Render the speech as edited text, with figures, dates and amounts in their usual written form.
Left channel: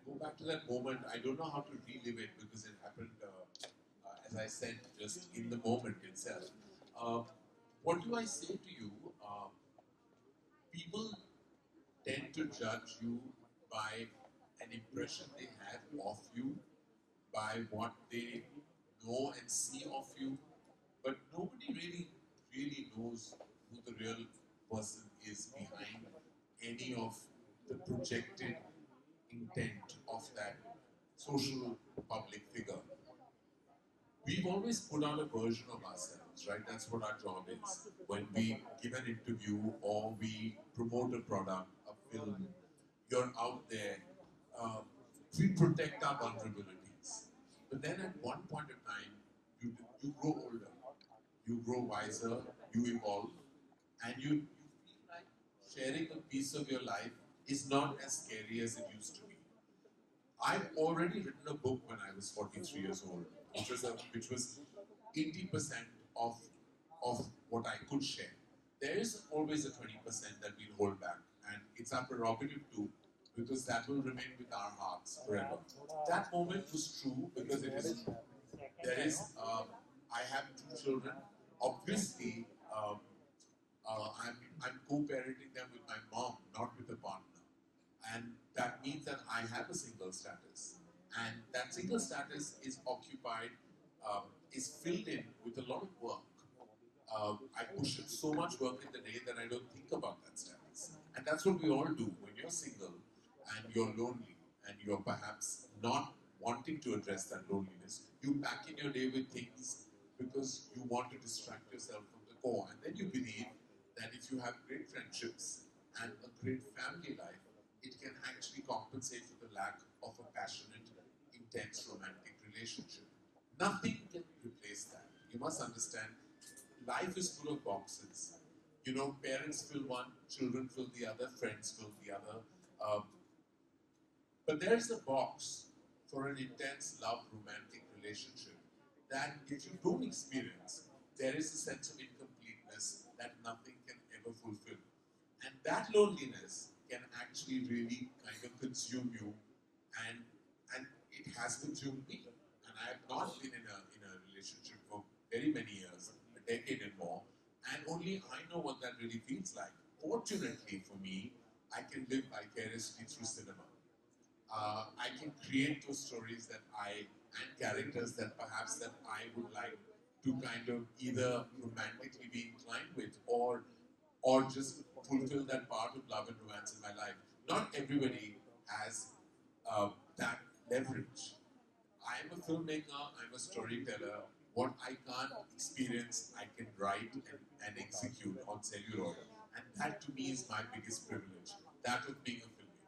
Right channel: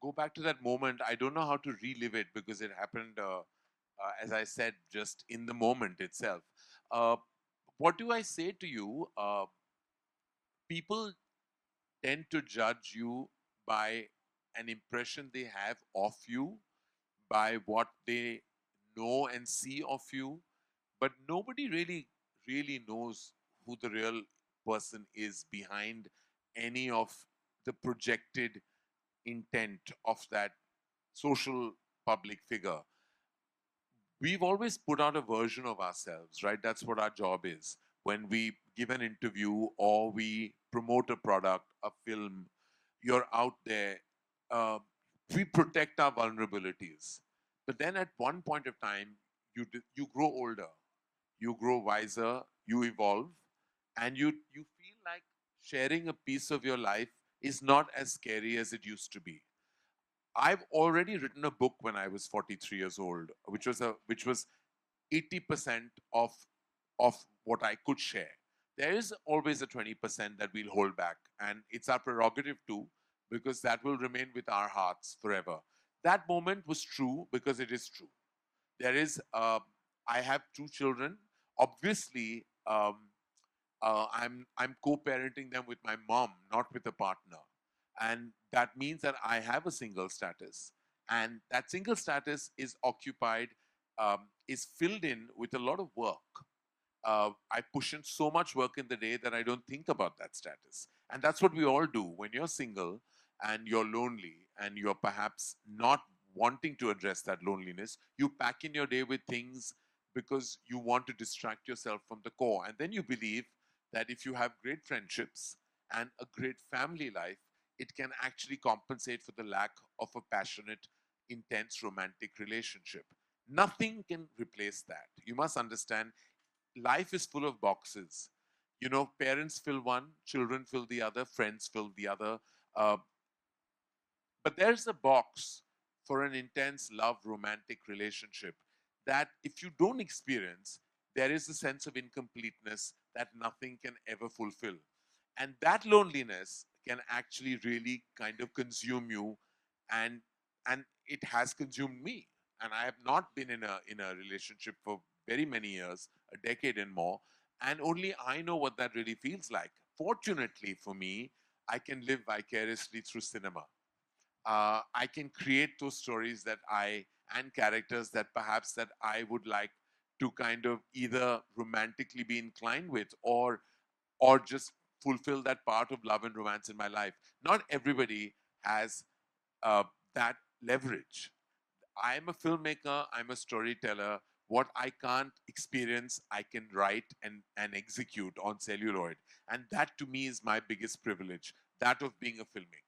go back to that moment. I don't know how to relive it because it happened, as I said, just in the moment itself. Uh, what do I say to you? People tend to judge you by an impression they have of you, by what they know and see of you, but nobody really knows who the real person is behind any of the projected intent of that social public figure. We've always put out a version of ourselves, right? That's what our job is. When we give an interview or we promote a product, a film, you're out there. Uh, we protect our vulnerabilities. But then at one point of time, you grow older, you grow wiser, you evolve, and you feel like sharing a piece of your life is not as scary as it used to be. I've already written a book when I was 43 years old, which was 80% of what I could share. There is always a 20% that we'll hold back, and it's our prerogative too, because that will remain with our hearts forever. That moment was true because it is true. There is, I have two children. Obviously, I'm co-parenting them with my mom, not with a partner, and that means that I have a single status, and that single status is occupied, is filled in with a lot of work. I push in so much work in the day that I don't think about that status, and that's what we all do when you're single and you're lonely and you're perhaps not wanting to address that loneliness. You pack in your day with things because you want to distract yourself from the core, and then you believe that if you have great friendships and a great family life, it can actually compensate for the lack of a passionate, intense romantic relationship. Nothing can replace that. You must understand, life is full of boxes. You know, parents fill one, children fill the other, friends fill the other. Uh, but there's a box for an intense love romantic relationship that if you don't experience, there is a sense of incompleteness that nothing can ever fulfill. And that loneliness can actually really kind of consume you, and and it has consumed me. And I have not been in a relationship for very many years, a decade and more, and only I know what that really feels like. Fortunately for me, I can live vicariously through cinema. I can create those stories that I and characters that perhaps that I would like to kind of either romantically be inclined with or just fulfill that part of love and romance in my life. Not everybody has that leverage. I'm a filmmaker, I'm a storyteller. What I can't experience, I can write and execute on celluloid. And that to me is my biggest privilege, that of being a filmmaker.